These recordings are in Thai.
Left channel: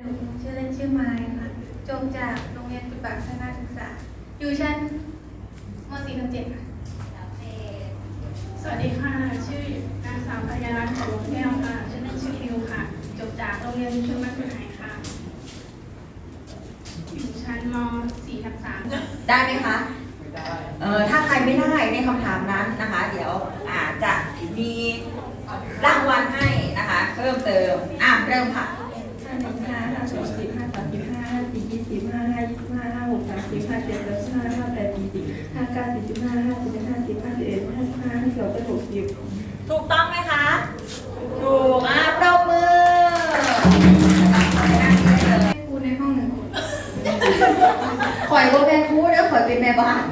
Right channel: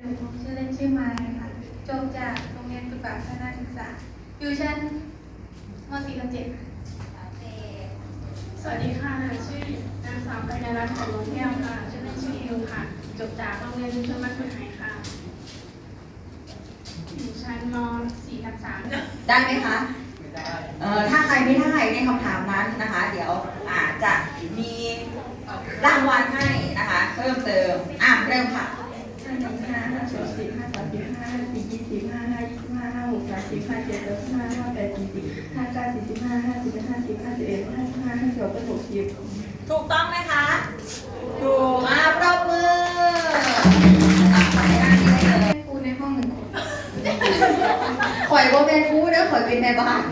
หนูชื่อเล่นชื่อมายค่ะ จบจากโรงเรียนปฏิบัติพัฒนาศึกษา อยู่ชั้นม .4 ทับ7ค่ะสวัสดีค่ะ ชื่อนางสาวกัญญารัตน์ของลงแก้วค่ะ ชื่อเล่นชื่ออิวค่ะ จบจากโรงเรียนชุมชนบ้านคุณไหค่ะอยู่ชั้นม .4 ทับ3ได้ไหมคะเอ่อถ้าใครไม่ได้ในคำถามนั้นนะคะ เดี๋ยวอาจจะมีรางวัลให้นะคะ เพิ่มเติมอะเริ่มค่ะ เจ็ดแปดห้าห้าแปดสี่สิบห้าเก้าสี่สิบห้าห้าสิบเอ็ดห้าสิบห้าสิบเอ็ดห้าสิบห้าห้าสิบสองเป็นหกสิบถูกต้องไหมคะ ถูกอะปรบมือให้ครูในห้องหนึ่งคนข่อยว่าเป็นครูแล้วข่อยเป็นแม่บ้าน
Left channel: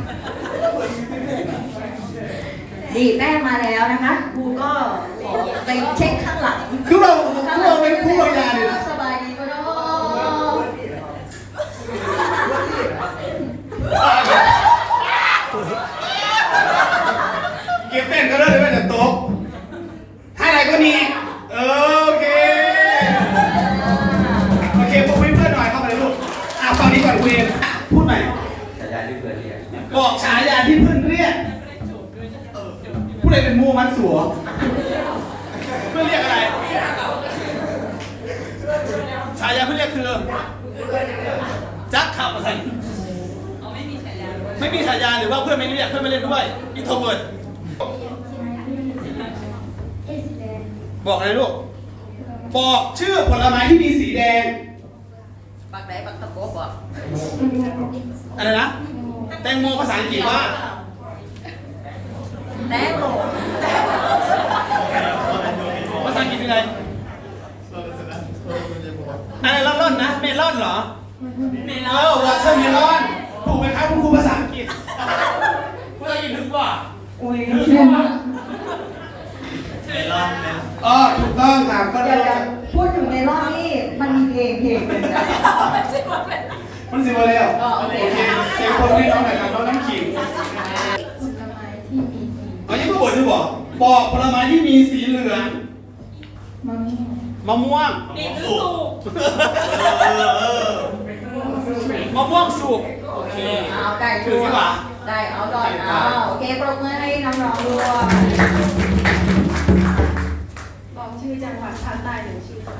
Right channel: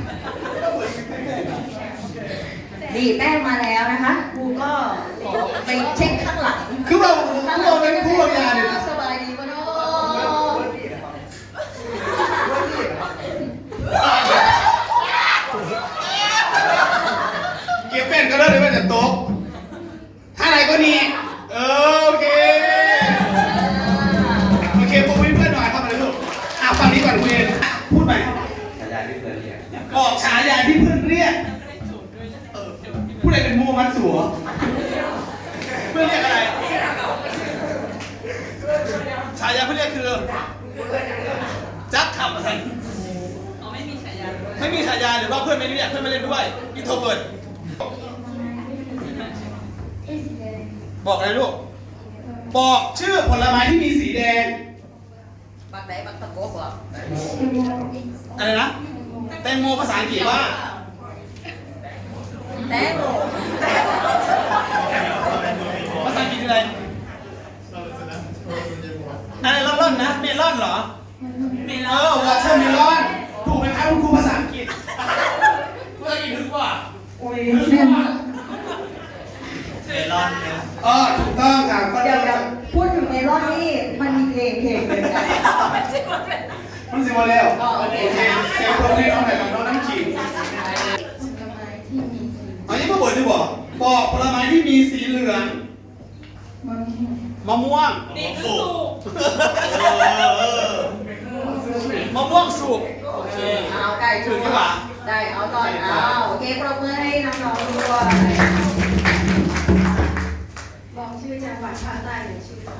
ดีแป้งมาแล้วนะคะครูก็ขอไปเช็คข้างหลังคือเราคือเราเป็นผู้บริการเลยนะสบายดีปะเนาะ เก็บแป้งก็ได้เลยแม่แต่โต๊ะ ก็นี่เออโอเค โอเคพวกเพื่อนๆหน่อยเข้ามาเลยลูกอะฟังนี้ก่อนคุณเอ็มพูดหน่อย ฉายาที่เพื่อนเรียกบอกฉายาที่เพื่อนเรียกเออผู้ใดเป็นมูมันสัว เพื่อนเรียกอะไร ฉายาเพื่อนเรียกคือจักขับอะไรไม่มีฉายาไม่มีฉายาหรือว่าเพื่อนไม่เรียกเพื่อนไม่เล่นด้วยอินโทรเวิร์ด บอกอะไรลูก บอกชื่อผลไม้ที่มีสีแดงปักไหนปักตะโกบอกอะไรนะ แตงโมภาษาอังกฤษว่า แตงโมภาษาอังกฤษคืออะไรอะไรล่อนๆนะ เมลอนเหรอ เออวอเตอร์เมลอนถูกไหมครับคุณครูภาษาอังกฤษภาษาอังกฤษถึงว่าโอ้ย มันสิบโมแล้วอ๋อโอเคเสียงคนนี้น้องไหนกับน้องน้ำขิงผลไม้ที่มีสีอ๋อยังไม่บอกจะบอกบอกผลไม้ที่มีสีเหลืองมะม่วงมะม่วงนี่คือสุกมะม่วงสุก โอเคเอาได้ถือที่หว่าได้เอาก่อนเอาโอเคปรบมือให้น้องๆด้วยบอกชื่อจังหวัดภาคใต้หนึ่งชื่อค่ะ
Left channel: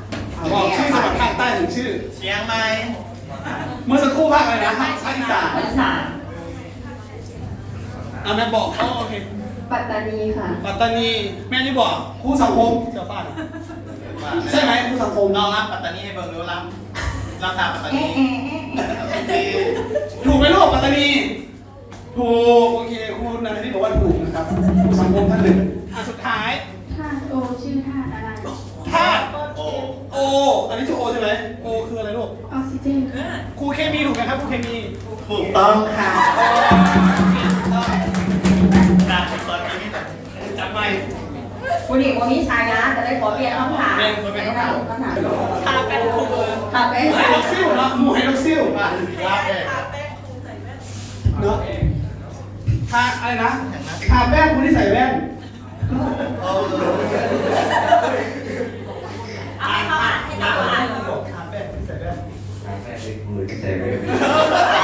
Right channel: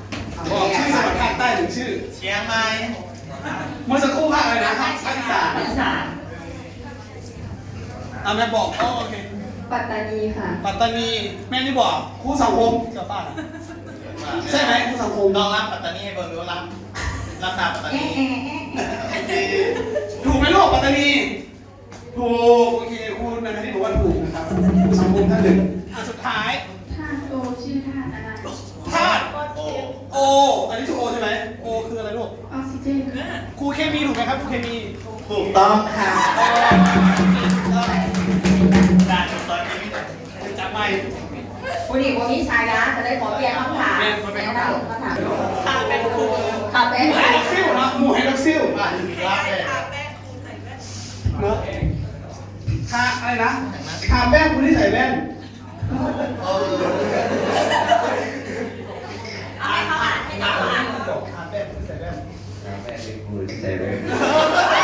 ชื่อ เชียงใหม่เมื่อสักครู่ภาคอะไรนะภาคอีสานอีสานอะแม่บอกอ๋อโอเค ปัตตานีค่ะ ปัตตานีแม่นี่บอกครูสังคมเจ้าป้าน่ะใช่ไหมครูสังคมน้องรับปัตตานีให้เบิ่งดูรับรับตามปัตตานีถูกไหมลูกปัตตานีถูกโอเคครูนันทที่บอกว่าถูกนะครับครูสังคมท่านหนึ่งอะสุดท้าย ท่าโอชื่อท่าอะไร ธาตุ โอ้ โอ อันนี้ถูกโอใช่ไหมโอคืออะไรลูก ออกซิเจนครูเคมีถูกไหมครับครูเคมีถูกต้องค่ะการซอยนี้แบบจำไม่คุณหญิงวันนี้ชายนะจะได้ขอเปลี่ยนคำถามเปลี่ยนคนเป็นคำถามคำถามทาแป้งครูทำเป็นไฮล็อกซิลเนาะหมูไฮล็อกซิลอะรับเลยเนื้อทาอะไรนะทาแป้งคุณที่ใส่แว่น Ha ha ha!